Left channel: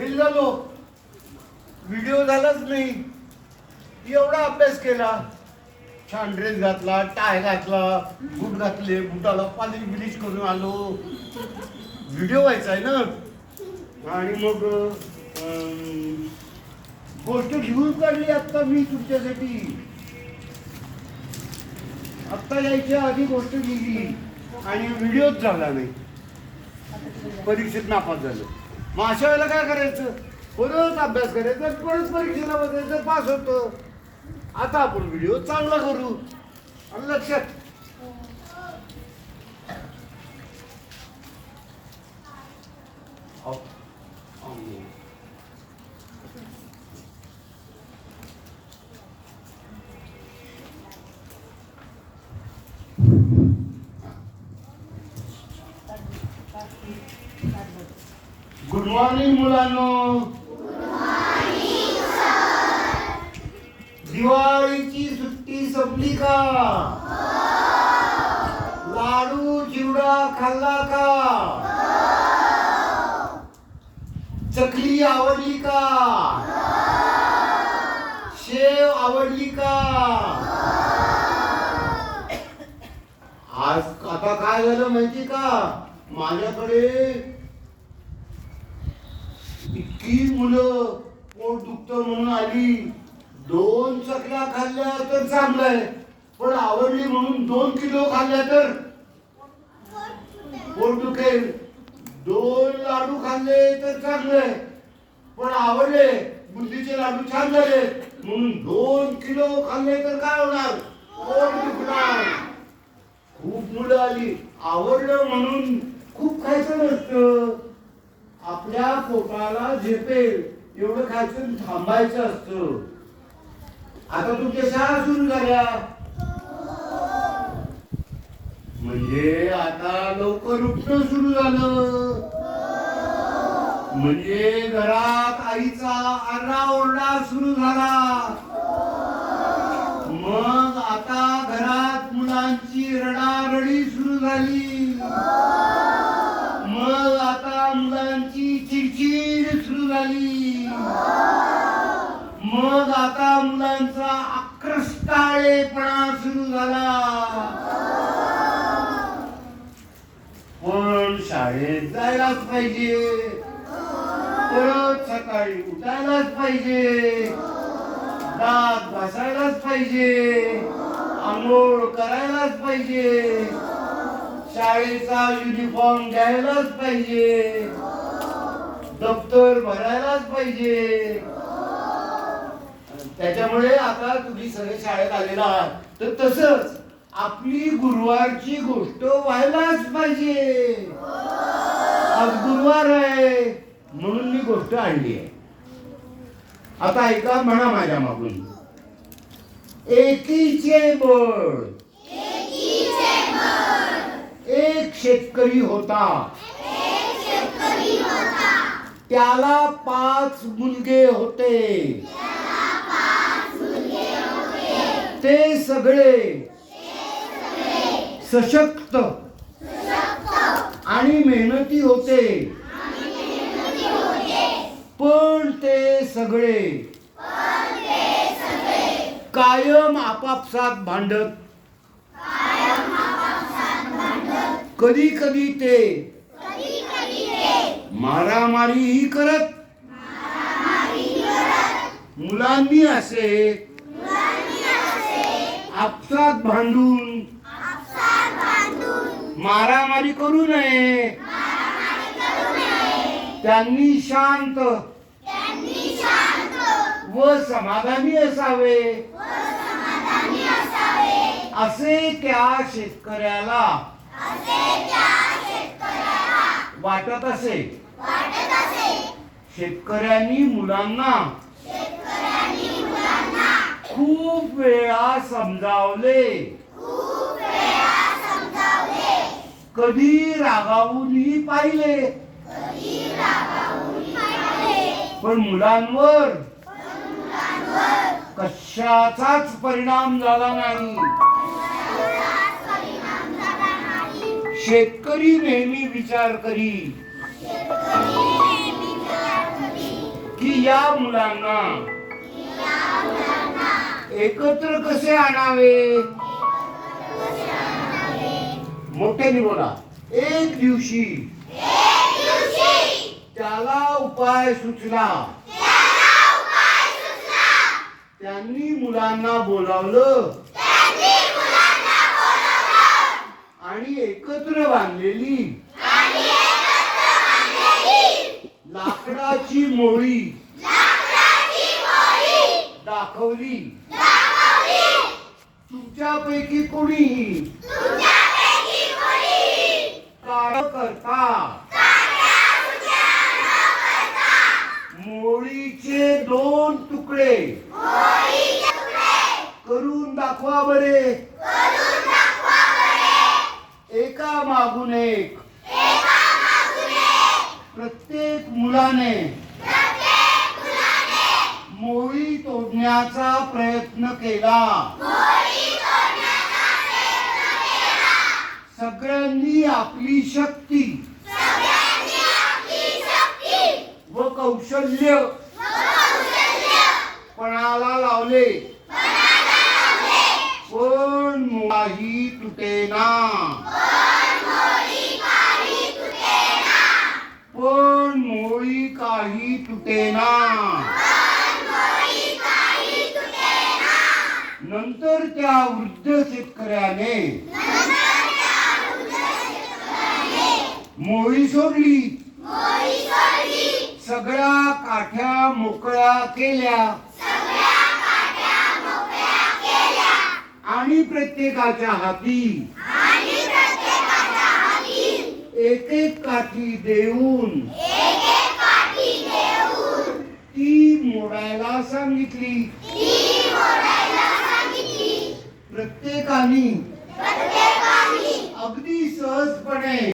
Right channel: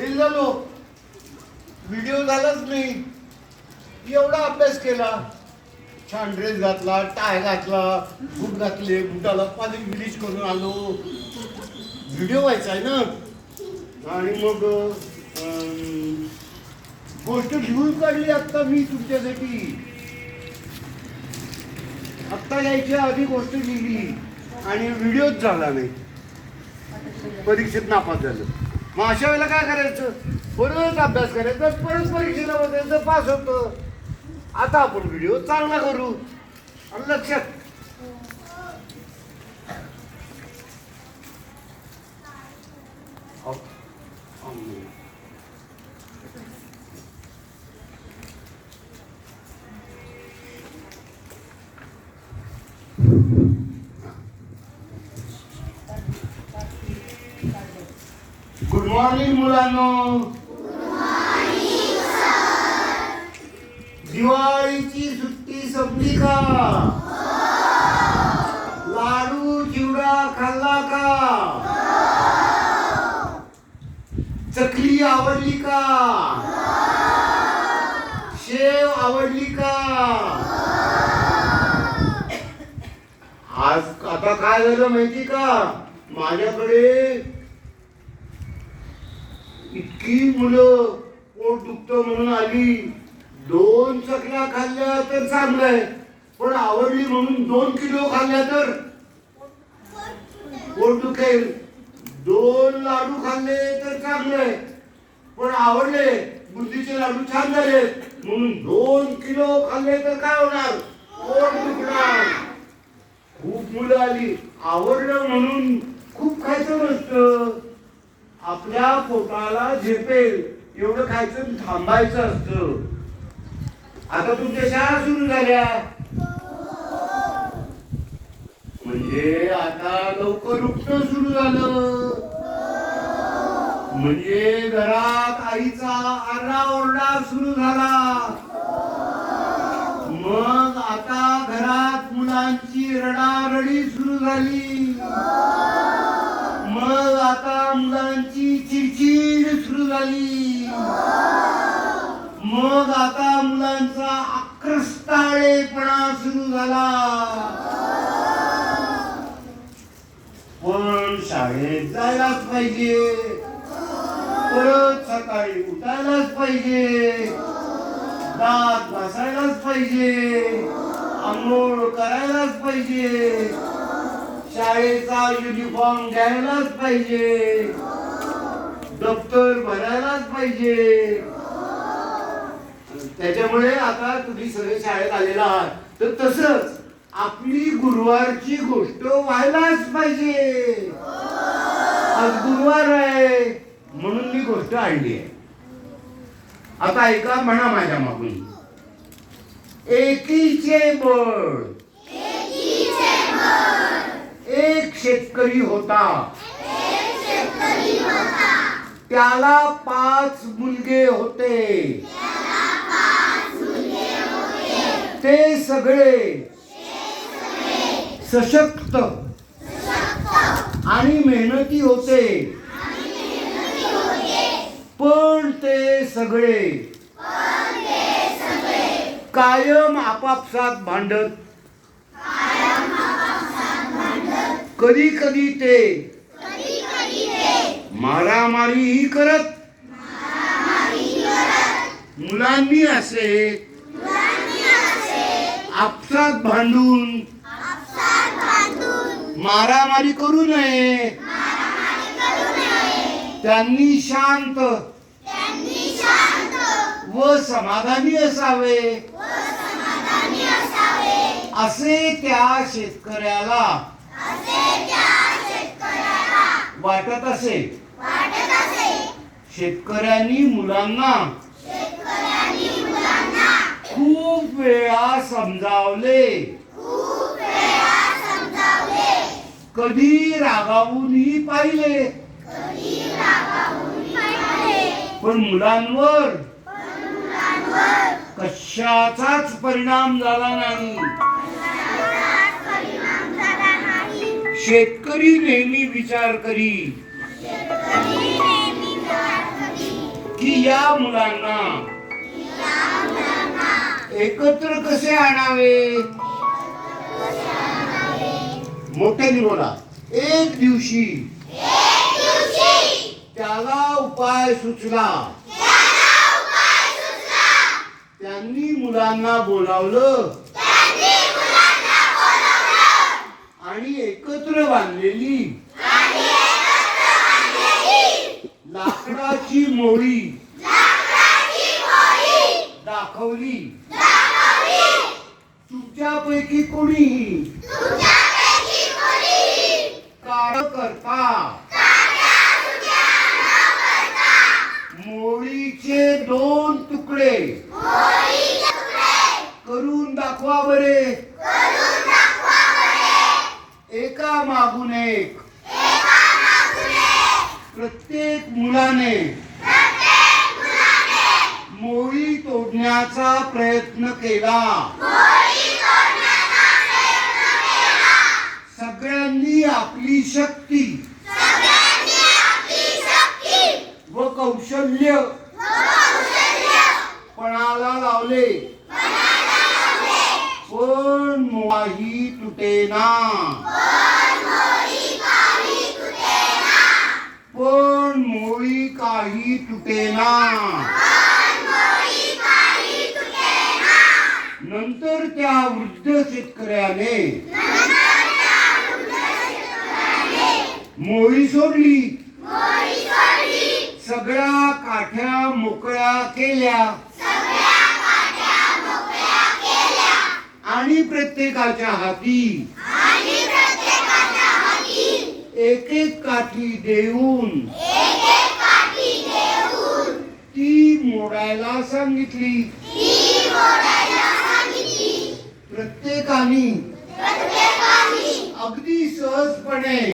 Fail झालो. Video झालाच नाही. एवढा अभ्यास केला. छान ड्रेस घातला टाय घातला बूट घातले बुटाला पाणी ब्लीच करून आलो. व्हिडिओ व्हायचा आहे ना? आणि मग अं, गोष्ट लिहून काढली आत्ता मी तुमच्यासाठी. आत्ता यायच्या आधी गोष्ट लिहिली आणि व्हिडिओच झाला नाही. परीक्षेत नापास झालं. मग अशा वेळेला काय करायचं? परत अभ्यास करायचा परत परीक्षेला बसायचं पास होतं. आता आपण व्हिडिओ चांगला करू. आणि लक्षात मॉर्निंग मुलांनो. दिवाळीची सुट्टी संपली का? लाडू चिवडा खाल्ला का? चकली आवडली का? शेव आवडली का? आज आता काय झालं माहिती का? माझ्याकडे मुलं पोट दुखतं म्हणून आली. दोन चकल्या खाल्ल्या तर चांगलं आहे. पण आवडली म्हणून दोन किलो खाल्ल्या तर? पोट दुखेल दोन लाडू खाल्ले तर चांगले आहे. पण आवडले. बुद्धीचे लाडू छान झाले. म्हणून दोन किलो खाल्ले तर काय होणार? पोट दुखणार. खूप मुलं आली. आवडलं म्हणून खूप खायचं नसतं. आपल्या पोटाला झेपेल एवढं खायचं थांबायचं असतं. आता तुमच्या शाळा सुरू झाल्या? म्हणजे आता लवकर उठणं सुरू झालं. म्हणजे घरात आईचा आरडाओरडा सुरू झाला. मग आता घरात मुलांची रडारडी सुरू झाली. मग आता मुलांची चिडचिड सुरू झाली. मग आता मुलांचा आक्रस्ताळेपणा सुरू झाला. पण शाळेत जायलाच पाहिजे. परत सकाळी उठायलाच पाहिजे. दात घासायलाच पाहिजे. आंघोळ करायलाच पाहिजे. शाळेचा युनिफॉर्म घ्यायलाच पाहिजे. दप्तर भरायलाच पाहिजे. त्याच्यामुळे आता तुम्ही सगळे शाळेत आलेला आहात. तर तसंच आपली गुरुवारची गोष्ट व्हायलाच पाहिजे. आज गुरुवार आहे म्हणून मी गोष्ट आणली आहे. आता ऐका म्हणा माझ्या मागून. एकीचे बळ एक शेतकरी होता. त्याला पाच मुलगे होते. ते सगळे सशक्त आणि मेहनती होते. पण ते सगळे कायम आपापसात भांडत कधी कधी ते मारामारीही करत. मुलांनी असे आपसात भांडून मारामारी करू नये. त्यांनी शांत व समाधानी असावे. असे त्या शेतकऱ्याला वाटत असे शेतकऱ्यांनी मुलांना खूप वेळा समजावले. कधी रागावूनही पाहिले. पण मुलांवर कशाचाच परिणाम झाला नाही. शेतकरी नेहमी विचार करी. की या मुलांना एकत्र कसे आणावे? मोठ्याने बोला. एक दिवशी त्याला उपाय सुचला. त्यांनी मुलांना बोलावलं. एकत्र बांधलेली. लाकडाची मोळी दाखवली. तुमच्यापैकी कोणी? करता मोळीचे दोन तुकडे. करून दाखवा बरे. एका मागून एक. प्रत्येक मुलाने मोळी तोडण्याचा प्रयत्न केला. सगळ्यांनी आपली शक्ती. व कौशल्य. पणाला लावले. पण काही तुटेना. तुटेना। नंतर त्या वृद्ध शेतकऱ्याने मोळी सोडली. सगळ्या काठ्या मोकळ्या केल्या. आणि प्रत्येकाच्या हाती एक एक काठी देऊन मोडायला सांगितली. प्रत्येकाने. अगदी सहजपणे